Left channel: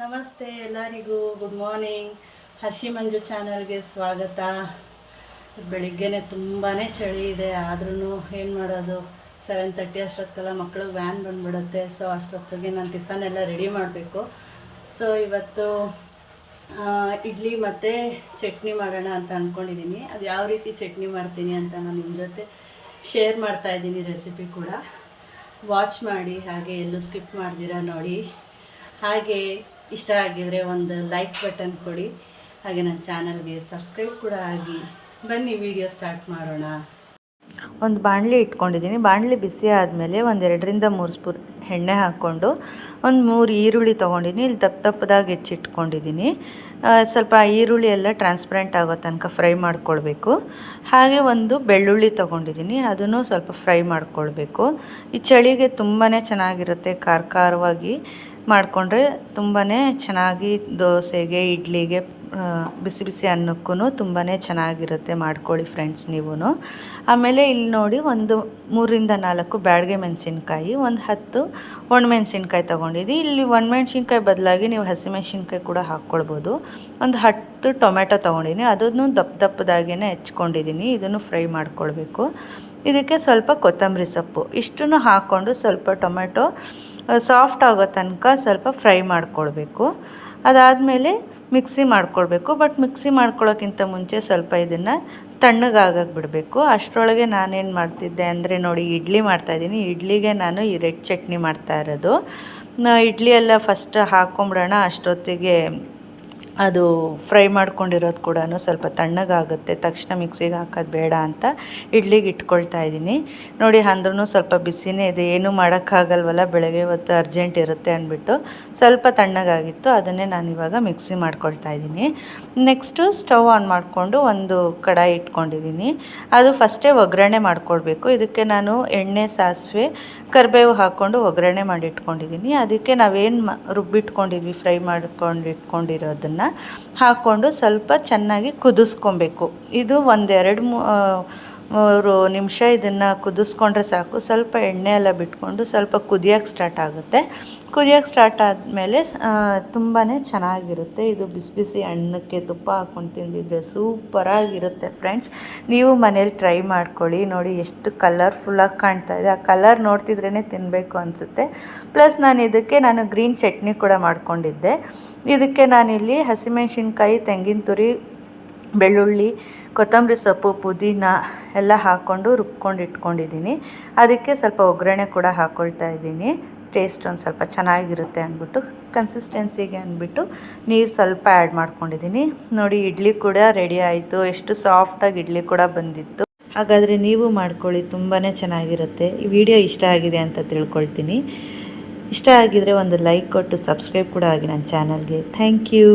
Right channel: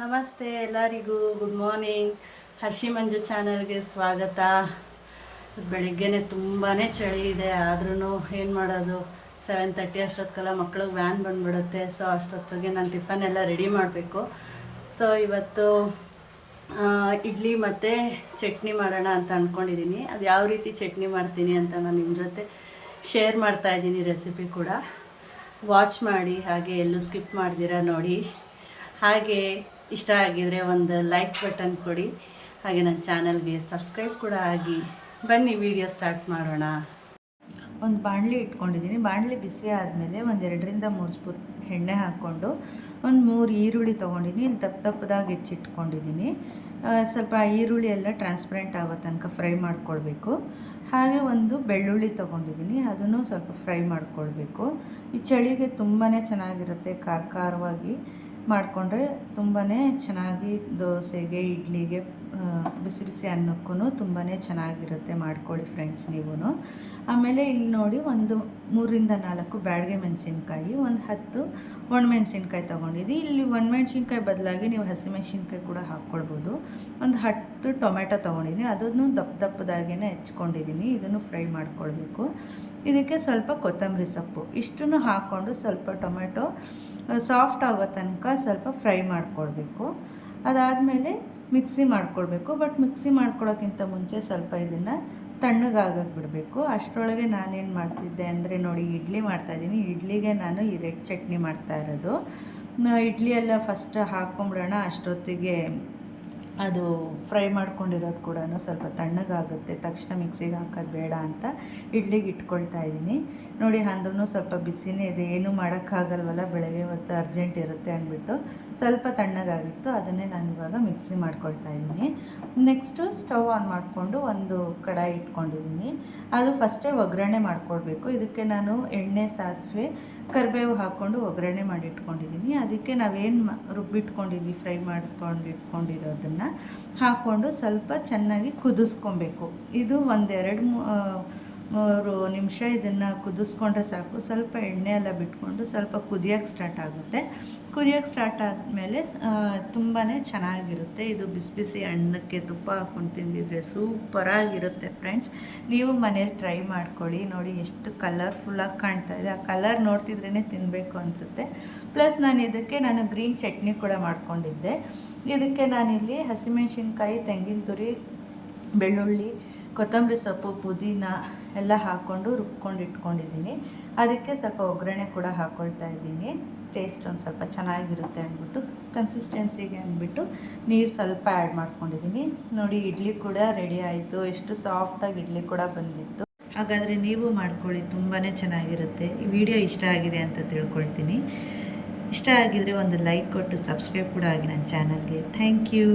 ನಮಸ್ತೆ ಎಲ್ಲರಿಗೂ, good morning. Hershey ಮಂಜು ಚಾನಲ್ಗೆ ಸ್ವಾಗತ. ಬೆಳಿಗ್ಗೆನೆ ತುಂಬಾ ಚಳಿ ಇದೆ, ಆದ್ರೂ ಏನು ಮಾಡೋದು, 7:30 ಅಷ್ಟೊತ್ತಿಗೆಲ್ಲ ಮಕ್ಳಿಗೆ ವ್ಯಾನ್ ಬಂದುಬಿಡುತ್ತೆ. ಸೊ ಅಷ್ಟೊತ್ತಿಗೆ ನಾನು ಟಿಫನ್ ಎಲ್ಲ ರೆಡಿ ಮಾಡಬೇಕು. ಸೊ ಇವತ್ತು ಇಡ್ಲಿ ಮತ್ತು ಚಟ್ನಿ ಮಾಡೋಣ ಅಂತ ಅಂದ್ಕೊಂಡಿದ್ದೀನಿ. ಅದು ಯಾವ ರೀತಿ ಚಟ್ನಿ ಮಾಡ್ತೀನಿ ಅಂತ ನಾನು ನಿಮ್ಮ ಜೊತೆ ಶೇರ್ ಮಾಡ್ತಾಯಿದ್ದೀನಿ. ರೆಸಿಪಿ ಕೂಡ ವಾಚ್ ಮಾಡಿ, ಹಾಗೆ ಎಲ್ಲೂ ಸ್ಕಿಪ್ ಮಾಡ್ದಿರಾ ನೋಡಿ. ಹಾಗೆ ಇಷ್ಟ ಆಗಿದರೆ ಒಂದು ಲೈಕ್ ಬಟನ್ ಕೊಡಿ, ಹಾಗೆ ನನ್ನ ಚಾನಲ್ಗೆ ಸಬ್ಸ್ಕ್ರೈಬ್ ಕೂಡ ಆಗಿ. ಬನ್ನಿ ವಿಡಿಯೋ ಸ್ಟಾರ್ಟ್ ಮಾಡೋಣ. ಒಂದು ಬಾಣಲಿ ಇಟ್ಕೊಂಡಿದ್ದೀನಿ. ಬಾಣಲಿ ಬಿಸಿ ಆದಮೇಲೆ ಒಂದು 2ರಿಂದ 3 ಸ್ಪೂನ್ ಎಣ್ಣೆ ಹಾಕ್ಕೊಂಡು ಒಂದು 3 ಈರುಳ್ಳಿ ತೊಗೊಂಡಿದ್ದೀನಿ. ಇಲ್ಲಿ ದಪ್ಪದಾಗಿ ಹೆಚ್ಚಿಟ್ಕೊಂಡಿದ್ದೀನಿ. ಸ್ವಲ್ಪ ಈರುಳ್ಳಿ ಎಲ್ಲ ಟ್ರಾನ್ಸ್ಪರೆಂಟ್ ಆಗೋ ತನಕ ಫ್ರೈ ಮಾಡ್ಕೊಳ್ಬೇಕು. ಹಾಗೆ ಒಂದು ಬೆಳ್ಳುಳ್ಳಿ ತೊಗೊಂಡಿದ್ದೀನಿ, ಅದನ್ನು ಸ್ವಲ್ಪ ಫ್ರೈ ಮಾಡ್ಕೊಳ್ಬೇಕು. ಈ ಚಳಿಗೆ ತುಂಬಾ ಚೆನ್ನಾಗಿರುತ್ತೆ, ಖಾರವಾಗಿ ಮಾಡಿಕೊಂಡ್ರೆ ತುಂಬಾ ಚೆನ್ನಾಗಿ ದೋಸೆಗೆ, ಇಡ್ಲಿಗೆ, ಬಿಸಿ ಬಿಸಿ ಅನ್ನಕ್ಕೂ ತುಂಬಾ ಚೆನ್ನಾಗಿರುತ್ತೆ. ಮಾಡ್ಕೊಳ್ಳಿ ಫ್ರೆಂಡ್ಸ್ ನೀವು. ಆಮೇಲೆ ಇಲ್ಲಿ ನೋಡಿ, ಒಂದು 3ರಿಂದ 4 ಬ್ಯಾಡಗೆ ಮೆಣಸಿನ್ಕಾಯಿ, ಒಂದು 10 ಒಣಮೆಣ್ಸಿನ್ಕಾಯಿ ತೊಗೊಂಡಿದ್ದೀನಿ. ಇಲ್ಲಿ ಒಣಮೆಣ್ಸಿನ್ಕಾಯಿ ಬದಲಾಗಿ ನೀವು ಹಸಿಮೆಣ್ಸಿನ್ಕಾಯಿ ಕೂಡ ಹಾಕ್ಕೊಳ್ಬೋದು. ಒಂದು 10 ಟೊಮೆಟೊ ತೊಗೊಂಡಿದ್ದೀನಿ, ಅದನ್ನು ದಪ್ಪದಾಗೇ ಹೆಚ್ಕೊಂಡಿದ್ದೀನಿ. ಇದನ್ನು ಫ್ರೈ ಮಾಡ್ಕೊಳ್ಬೇಕು. ಇದಕ್ಕೆ ಸ್ವಲ್ಪ ಕೊತ್ತಂಬರಿ ಸೊಪ್ಪು, ಇಷ್ಟನ್ನು ಹಾಕ್ಕೊಂಡು ಸ್ವಲ್ಪ ಟೊಮೆಟೊ ಸಾಫ್ಟ್ ಆಗೋ ತನಕ ಸ್ವಲ್ಪ ಫ್ರೈ ಮಾಡ್ಕೊಳ್ಬೇಕು. ಅದಾದಮೇಲೆ ಮಿಕ್ಸಿ ಮಾಡ್ಕೊಳ್ಬೇಕು. ಬಟ್ ಮಿಕ್ಸಿ ಮಾಡ್ಕೊಳ್ಳೋಕ್ಕಿಂತ ಮುಂಚೆ ಸ್ವಲ್ಪ ಇದನ್ನು ತಣ್ಣಗಾಗಕ್ಕೆ ಬಿಡಬೇಕು. ಅಷ್ಟರೊಳಗೆ ನಾನೇನು ಮಾಡ್ತಿದ್ದೆ ಅಂದರೆ ನೋಡಿ, ಇಡ್ಲಿ ಮಾಡ್ತಾಯಿದ್ದೀನಿ. ಇಡ್ಲಿಗೆ ನಾನು ಈ ರೆಡ್ ಚಟ್ನಿ ಮಾಡ್ತಾ ಇರೋದು. ಇಡ್ಲಿ ಎಲ್ಲ ಫಸ್ಟ್ ಹಾಕ್ಕೊಂಬಿಡೋಣ, ಅಷ್ಟೊತ್ತಿಗೆ ಅದು ಫ್ರೈ ಮಾಡ್ಕೊಂಡಿರೋದು ಕೂಡ ಸ್ವಲ್ಪ ತಣ್ಣಗಾಗುತ್ತೆ. ತಕ್ಷಣ ಮಿಕ್ಸಿಗೆ ಹಾಕೋದು ಬೇಡ ಅಂತ ಇಡ್ಲಿಗೆ ಇಟ್ಕೊಳ್ತಾ ಇದ್ದೀನಿ. ನೋಡಿ, ಅಂದ್ರೂ ಸ್ವಲ್ಪ ಬಿಸಿನೇ ಇದೆ, ಏನೂ ಮಾಡೋಕ್ಕಾಗಲ್ವಲ್ಲ, ಬೆಳಗ್ಗೆ ಹೊತ್ತು ಅರ್ಜೆಂಟ್ ಇರುತ್ತೆ ಅಂದ್ಬಿಟ್ಟು ಸ್ವಲ್ಪ ತಣ್ಣಗಾಗಿತ್ತು. ಅದನ್ನೇ ನಾನು ಇವಾಗ ಮಿಕ್ಸಿ ಮಾಡ್ಕೊಳ್ತಾ ಇದ್ದೀನಿ. ನೆಕ್ಸ್ಟು ಸ್ಟವ್ ಆನ್ ಮಾಡಿಕೊಂಡು ಒಂದು ಕಡಾಯಿ ಇಟ್ಕೊಂಡಿದ್ದೀನಿ. ಅದು ಫಸ್ಟೇ ಒಗ್ಗರಣೆ ಮಾಡ್ಕೊಳ್ಬೇಕು. ಇದಕ್ಕೆ ನಾನು ಎಣ್ಣೆ, ಸಾಸಿವೆ, ಕರಿಬೇವು ಹಾಕ್ಕೊಂಡು ಒಗ್ಗರಣೆ ಮಾಡಿ ಇಟ್ಕೊಂಡಿದ್ದೀನಿ. ಅದಕ್ಕೆ ನಾವೇನು ರುಬ್ಬಿಟ್ಕೊಂಡಿದ್ವಿ, ಫ್ರೈ ಮಾಡ್ಕೊಂಡು ಇಟ್ಕೊಂಡಿರೋದನ್ನು ಹಾಕ್ಕೊಂಡು ಸ್ವಲ್ಪ ಚೆನ್ನಾಗಿ ಕುದಿಸ್ಕೊಬೇಕು. ಇದು 1-2-3 ನಿಮಿಷ ಇದನ್ನು ಕುದಿಸ್ಕೊಂಡ್ರೆ ಸಾಕು. ಸ್ವಲ್ಪ ಎಣ್ಣೆ ಎಲ್ಲ ಬಿಟ್ಕೊಂಡು ಸ್ವಲ್ಪ ಕುದಿಯೋಕ್ಕೆ ಸ್ಟಾರ್ಟ್ ಆಗುತ್ತೆ. ಕುದಿಯೋಕ್ಕೆ ಸ್ಟಾರ್ಟ್ ಆದಮೇಲೆ ತುಂಬಾ ಚೆನ್ನಾಗಿರುತ್ತೆ. ಇದು ಬಿಸಿ ಬಿಸಿ ಅನ್ನಕ್ಕೆ ತುಪ್ಪ ಹಾಕ್ಕೊಂಡು ತಿಂದಿದ್ರೆ ಸೂಪರಾಗಿರುತ್ತೆ ಫ್ರೆಂಡ್ಸ್. ನೀವು ಮನೇಲಿ ಟ್ರೈ ಮಾಡ್ಕೊಳ್ಳಿ. ನೋಡಿ ಎಷ್ಟು ಕಲರ್ಫುಲ್ಲಾಗಿ ಕಾಣ್ತಾ ಇದೆ. ಆ ಕಲರ್ ನೋಡ್ತಿದ್ರೇ ತಿನ್ನಬೇಕು ಅನಿಸುತ್ತೆ. ಪ್ಲಸ್ ನಾನು ಗ್ರೀನ್ ಚಟ್ನಿ ಕೂಡ ಮಾಡ್ಕೊಂಡಿದ್ದೆ. ಇದಕ್ಕೆ ನಾನಿಲ್ಲಿ ಹಸಿಮೆಣ್ಸಿನ್ಕಾಯಿ, ತೆಂಗಿನ ತುರಿ, ಬೆಳ್ಳುಳ್ಳಿ, ಕೊತ್ತಂಬರಿ ಸೊಪ್ಪು, ಪುದೀನ ಎಲ್ಲ ಹಾಕ್ಕೊಂಡು ರುಬ್ಕೊಂಡು ಇಟ್ಕೊಂಡಿದ್ದೀನಿ. ಅದಕ್ಕೆ ಸ್ವಲ್ಪ ಒಗ್ಗರಣೆ ಕೂಡ ಹಾಕ್ಕೊಳ್ತಾ ಇದ್ದೀನಿ. ಟೇಸ್ಟ್ ಒಂದು ಸ್ವಲ್ಪ ಚೆನ್ನಾಗಿರುತ್ತೆ ಅಂದ್ಬಿಟ್ಟು, ಕನ್ಸಿಸ್ಟೆನ್ಸಿಗೆ ಅಂದ್ಬಿಟ್ಟು ನೀರು ಸ್ವಲ್ಪ ಆ್ಯಡ್ ಮಾಡ್ಕೊಂಡಿದ್ದೀನಿ. ನೋಡಿ, ಇಡ್ಲಿ ಕೂಡ ರೆಡಿ ಆಯಿತು. ಎಷ್ಟು ಸಾಫ್ಟಾಗಿ ಇಡ್ಲಿ ಕೂಡ ಬಂದಿತ್ತು. ಹಾಗಾದರೆ ನೀವು ಮಾಡ್ಕೊಳ್ಳಿ, ತುಂಬಾ ಚೆನ್ನಾಗಿರುತ್ತೆ. ಈ ವಿಡಿಯೋ ಇಷ್ಟ ಆಗಿದೆ ಅಂತ ತಿಳ್ಕೊಳ್ತೀನಿ. ಇಷ್ಟ ಆಗಿದರೆ ಒಂದು ಲೈಕ್ ಕೊಟ್ಟು ಸಬ್ಸ್ಕ್ರೈಬ್ ಕೂಡ ಆಗಿ ನನ್ನ ಚಾನಲ್ಗೆ. Thank you.